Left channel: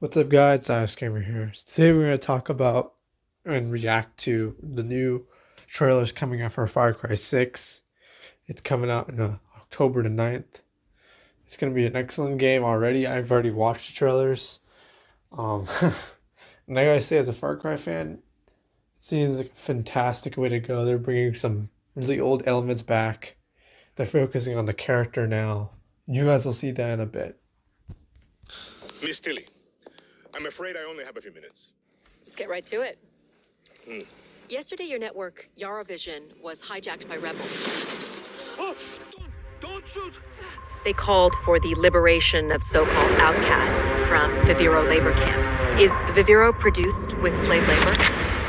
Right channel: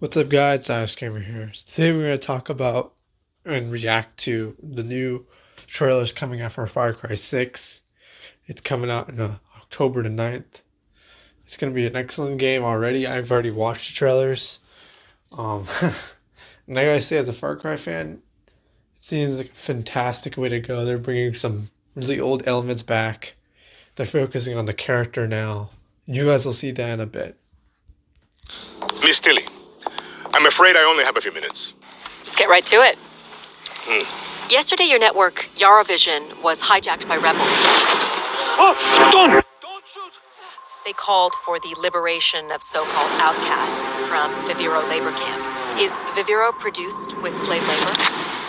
What's up, guys? Ice Gamer here. Today we're going to talk about and react to the new trailers coming out for Far Cry 6. It's coming out on October the 9th. It's going to be an excellent game already. I've already watched the trailers. Um, and I gotta say, as a Far Cry fan, it seems like a fantastic way to go. They're bringing some really old elements back. They're focusing on the character now. You guys will see that in a bit. Miss Tilly, I'm afraid I only have a few minutes. Let's get right to it. Yesterday, your network, Yaravision, was hijacked by rebels. Oh, don't! They called for the liberation of so-called outcasts from Viviro labor camps. Is Viviro produced with slave labor?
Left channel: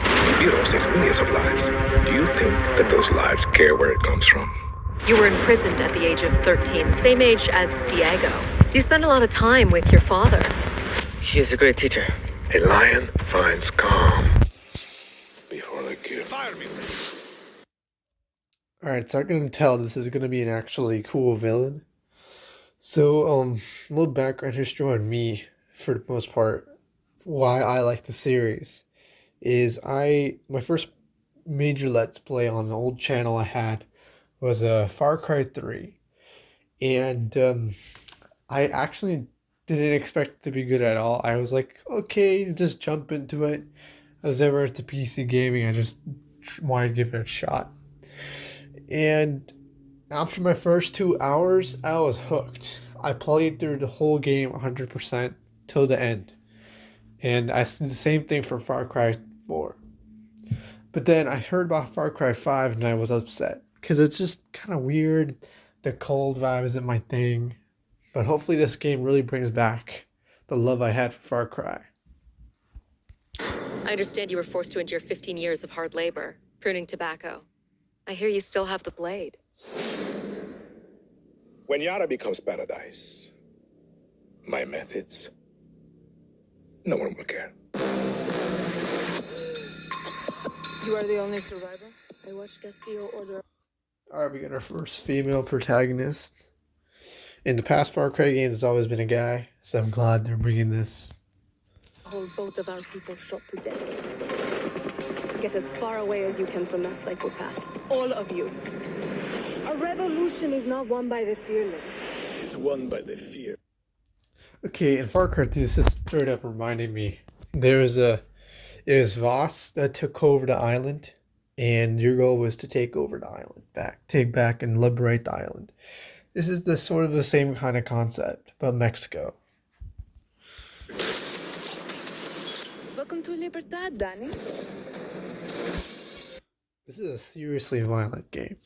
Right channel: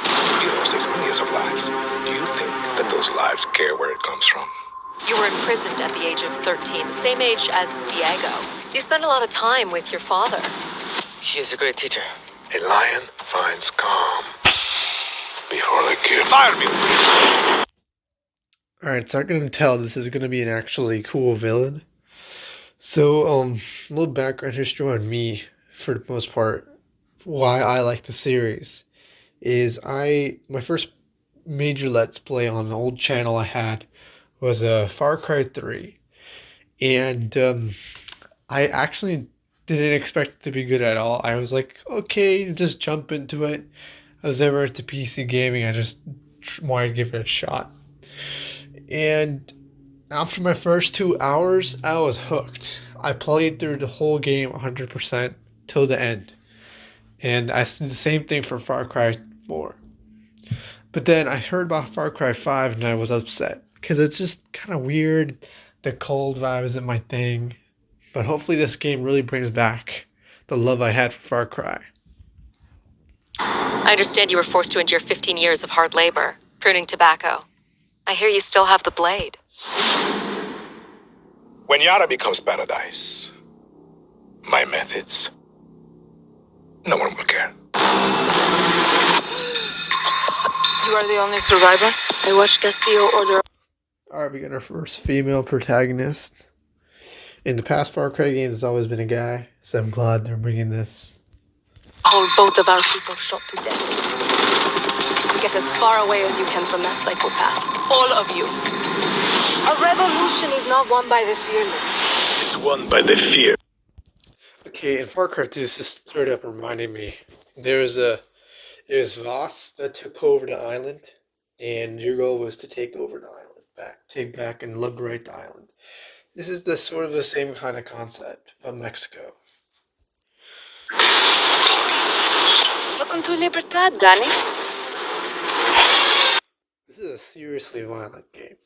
Viviro saves millions of lives. Do you think that those lives care where it comes from? You were imprisoned at the age of 13, the same age as Diego. You spent a lot of time with your father. He is a great teacher. A lion finds calm before the kill. Fire me! Alright, so I can tell this is going to be an actually cool villain. So, a little background history on me, for the most part, why I like the series, is my first major Let's Play on an old channel I had was Far Cry 3, and I actually didn't expect it to be good at all. I was like, okay, just jump into it. I was never into PC gaming, I just wanted to give it a shot. And after my first 2 hours, I was hooked. I played through the whole game 100% till the end. And I did the same thing for Far Cry 4. But then I heard about Far Cry 5 and I was upset. Because it's just kind of weird. The cold vibe isn't my thing. But hopefully this game really brings back the love I had for Far Cry. I understand you were forced to endure 15 years of hard labor, pruning tobacco. I hear you still have the blade. When Yara becomes paradise, my methods, no one will care. You are the only survivor? I watched Castillo order. Alright, we got our first female protagonist. In the past Far Cry games, it's always been a guy, so I'm glad they're bringing this. Hold both of our people shot to death. Get as far away as you can from that psychopath. All of you. A revolution is not won by the fearless. It's won by the fear. Okay, in Far Cry 2, this is straight up reminding me. It was Voss that took over the island, and your goal was to take over the island take back and liberate the island. This is the sort of the same kind of concept, but Mexico. Welcome to Libertad, Danny. This is a seriously violent game.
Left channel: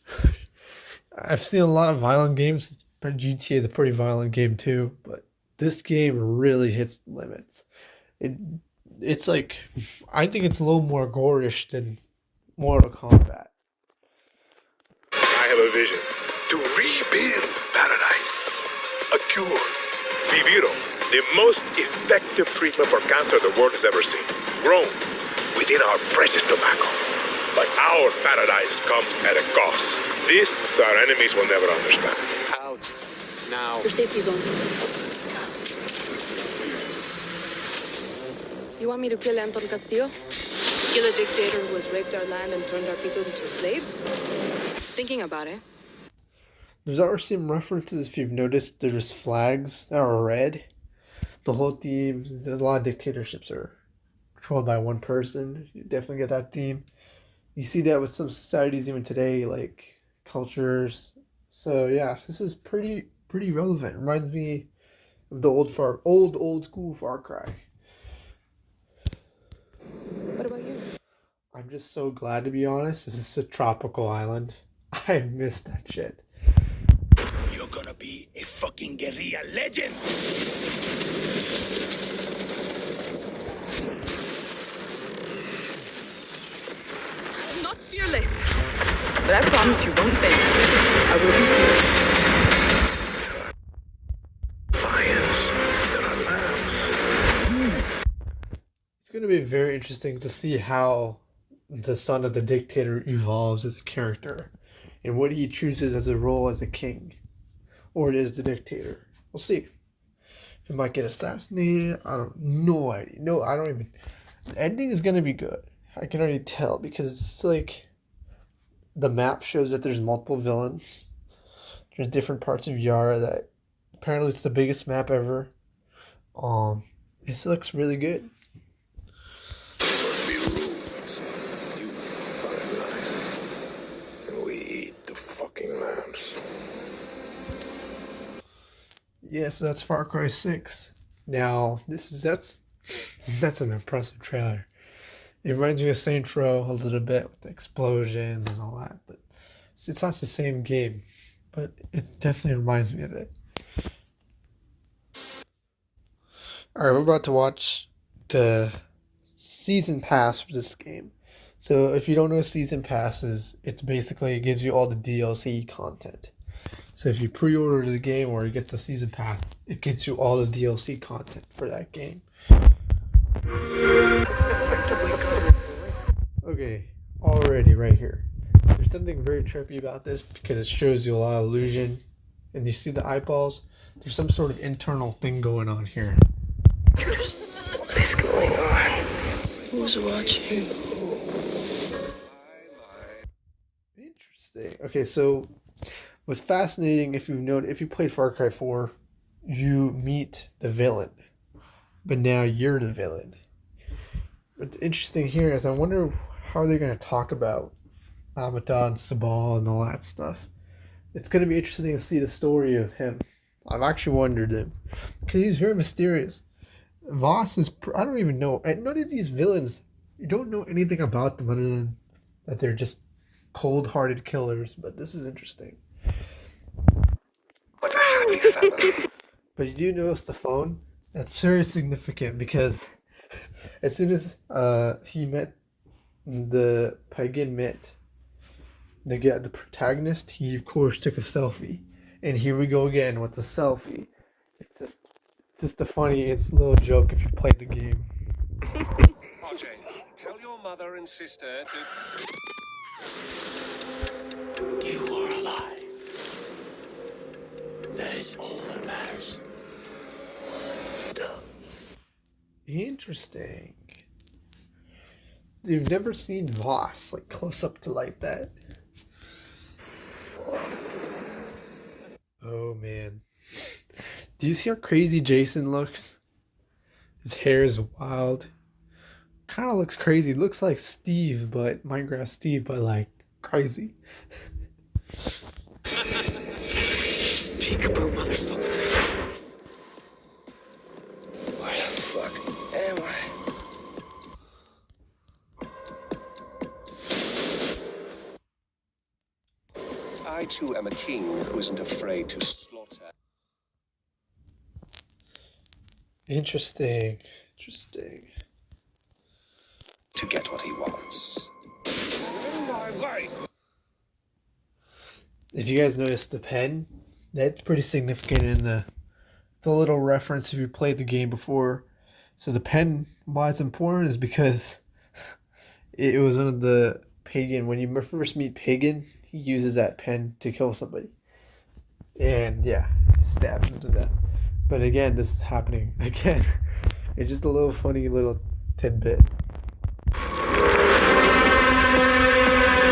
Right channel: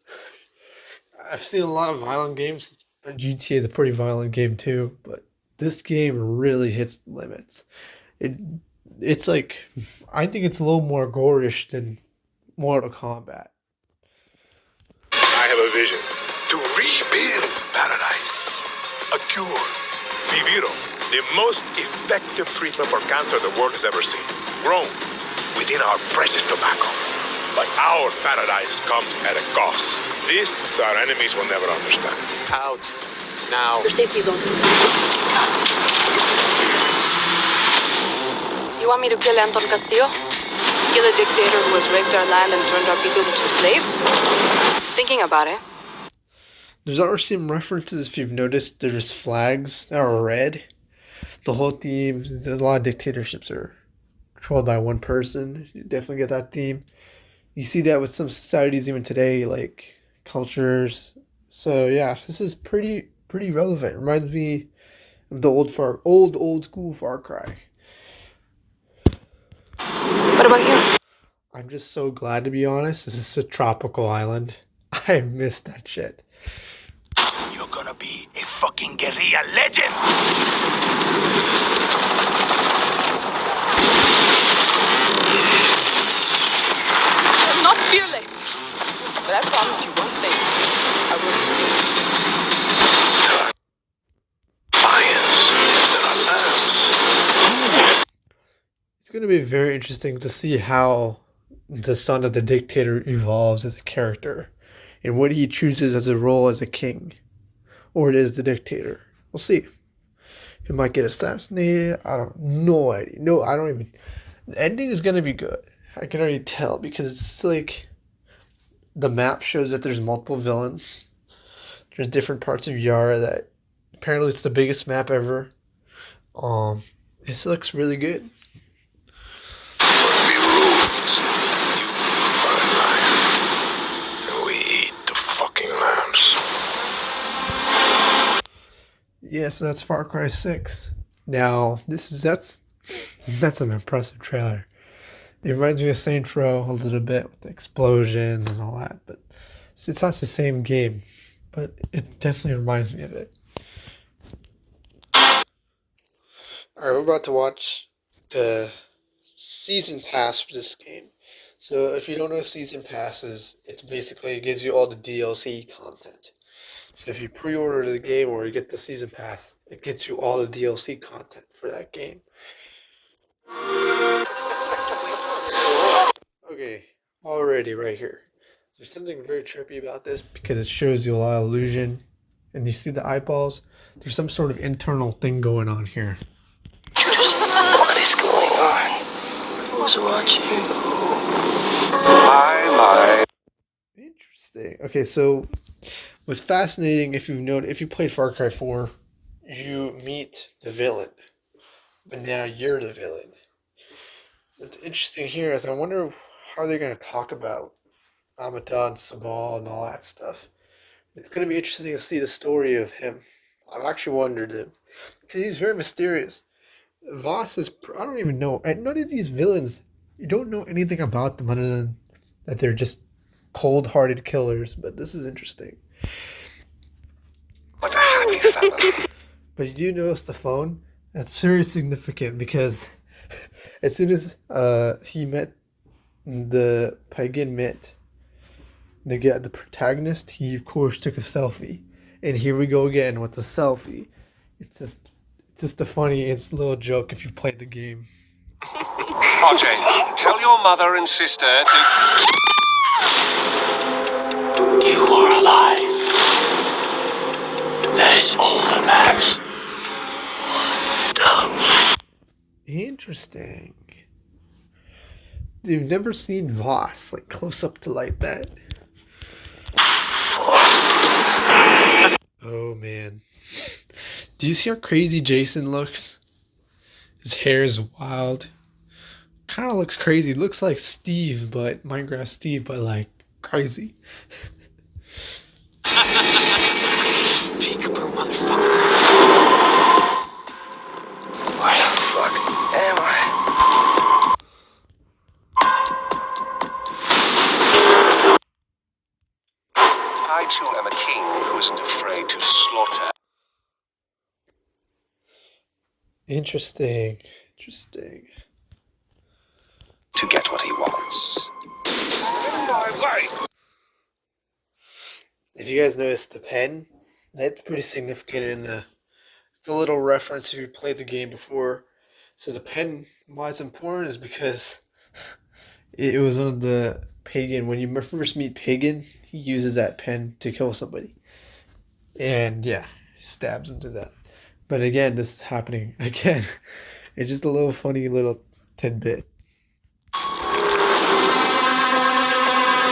I've seen a lot of violent games, but GTA is a pretty violent game too, but this game really hits limits. It's like, I think it's a little more gorish than Mortal Kombat. I have a vision to rebuild paradise. A cure. Viviro, the most effective treatment for cancer the world has ever seen. Grown within our precious tobacco. But our paradise comes at a cost. This our enemies will never understand. Out. Now. Your safety zone. You want me to kill Anton Castillo? Kill a dictator who has raped our land and turned our people into slaves? Thinking about it. There's already some references, if you've noticed, there's flags that are red. The whole theme, a lot of dictatorships are controlled by one person. You definitely get that theme. You see that with some societies even today, like cultures. So yeah, this is pretty relevant. Reminds me of the old school Far Cry. What about you? I'm just so glad, to be honest. This is a tropical island. I miss that shit. You're gonna be a fucking guerrilla legend! I'm not fearless. But I promise you one thing. I will be fearless. Lions instead of lambs. It's going to be very interesting to see how the son of the dictator evolves as a character and what he chooses as a role as a king or it is the dictator. We'll see. He might get assassinated. I don't no idea. No, I don't even. The ending is gonna be good. I can already tell because it's like the map shows that there's multiple villains. There's different parts of Yara that apparently it's the biggest map ever. This looks really good. But we ruled. You are a lion. And we eat the fucking lambs. Yeah, so that's Far Cry 6. Now, that's an impressive trailer. It reminds me of Saints Row a little bit with the explosions and all that, but it's not the same game. But it definitely reminds me of it. Alright, we're about to watch the season pass for this game. So if you don't know what season pass is, it's basically, it gives you all the DLC content. So if you pre-order the game or you get the season pass, it gets you all the DLC content for that game. Okay, already right here. There's something very trippy about this because it shows you a lot of illusion. And you see the eyeballs? There's some sort of internal thing going on here. What is going on? Who's watching? My. Interesting. Okay, so what's fascinating, if you played Far Cry 4, you meet the villain. But now you're the villain. What's interesting here is I wonder how they're going to talk about Amata, Sabal, and all that stuff. It's going to be interesting to see the story of him. I've actually wondered it. Because he's very mysterious. Voss is, I don't even know. And none of these villains, you don't know anything about them other than that they're just cold-hearted killers. But this is interesting. What a happy fellow. But you do notice the phone? That's very significant because as soon as he met the pagan the protagonist, he of course took a selfie. And here we go again with the selfie. It's just a funny, it's a little joke if you played the game. RJ, tell your mother and sister to... You are alive. That is all that matters. Interesting. You've never seen Voss like close up to like that. Oh man. Do you see how crazy Jason looks? His hair is wild. Kind of looks crazy. Looks like Steve, but Minecraft Steve, but like crazy. Peekaboo, motherfucker. Where the fuck am I? I too am a king who isn't afraid to slaughter. Interesting. To get what he wants. In my way! If you guys noticed the pen, that's pretty significant in the little reference if you played the game before. So the pen, why it's important is because it was one of the pagan, when you first meet pagan, he uses that pen to kill somebody. And yeah, he stabs him to death. But again, this is happening again. It's just a little funny little tidbit.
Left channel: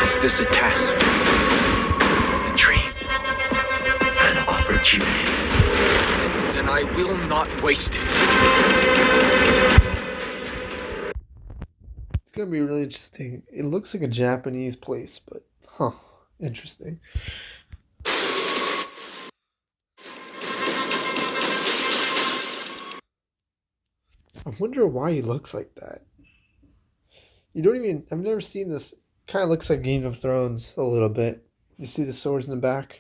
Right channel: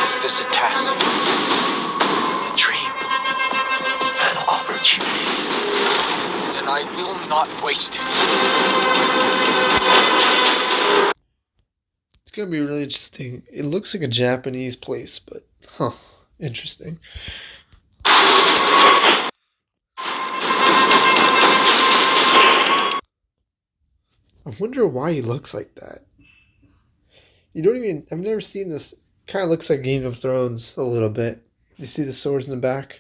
Is this a test? A dream? An opportunity? Then I will not waste it. It's gonna be really interesting. It looks like a Japanese place, but interesting. I wonder why he looks like that. I've never seen this. Kind of looks like Game of Thrones a little bit. You see the swords in the back?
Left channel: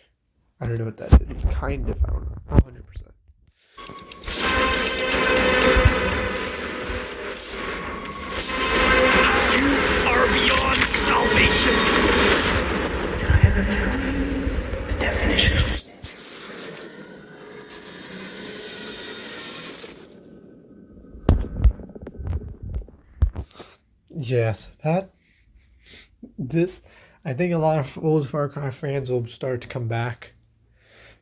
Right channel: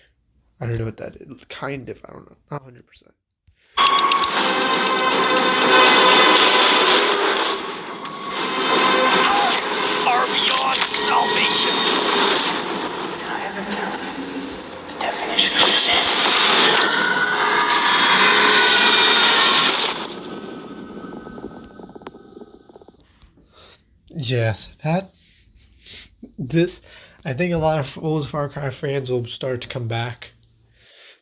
I don't know what that is. Kind of, I don't know. Not 100%. You are beyond salvation. Did I ever tell you the definition of sin? Yes, I think a lot of old Far Cry fans will start to come back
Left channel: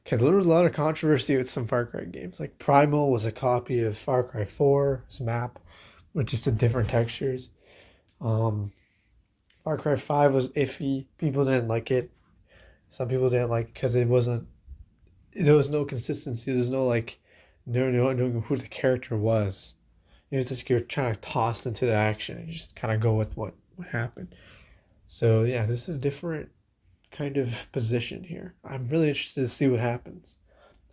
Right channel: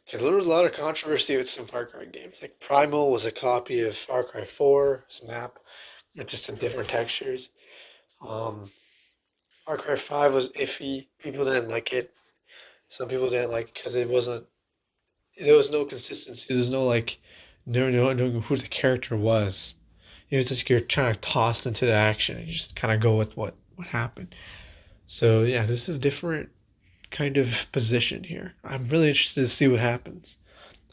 Because there was a lot of controversy with some Far Cry games. Like Primal was a copy of Far Cry 4's map with just the different textures. Um, Far Cry 5 was iffy. People didn't like it. Some people didn't like it because there was no consistency. There's no like, no knowing who the character was. It was just you're trying to toss into the action. You just kind of go with what happened. So yeah, this is a different kind of position here. I'm really interested to see what happens.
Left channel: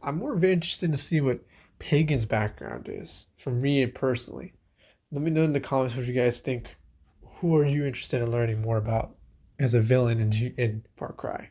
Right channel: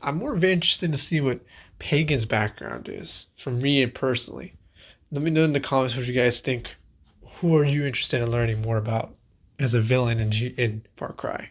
I'm more interested to see what Pagan's background is from me personally. Let me know in the comments what you guys think. Who are you interested in learning more about as a villain in Far Cry?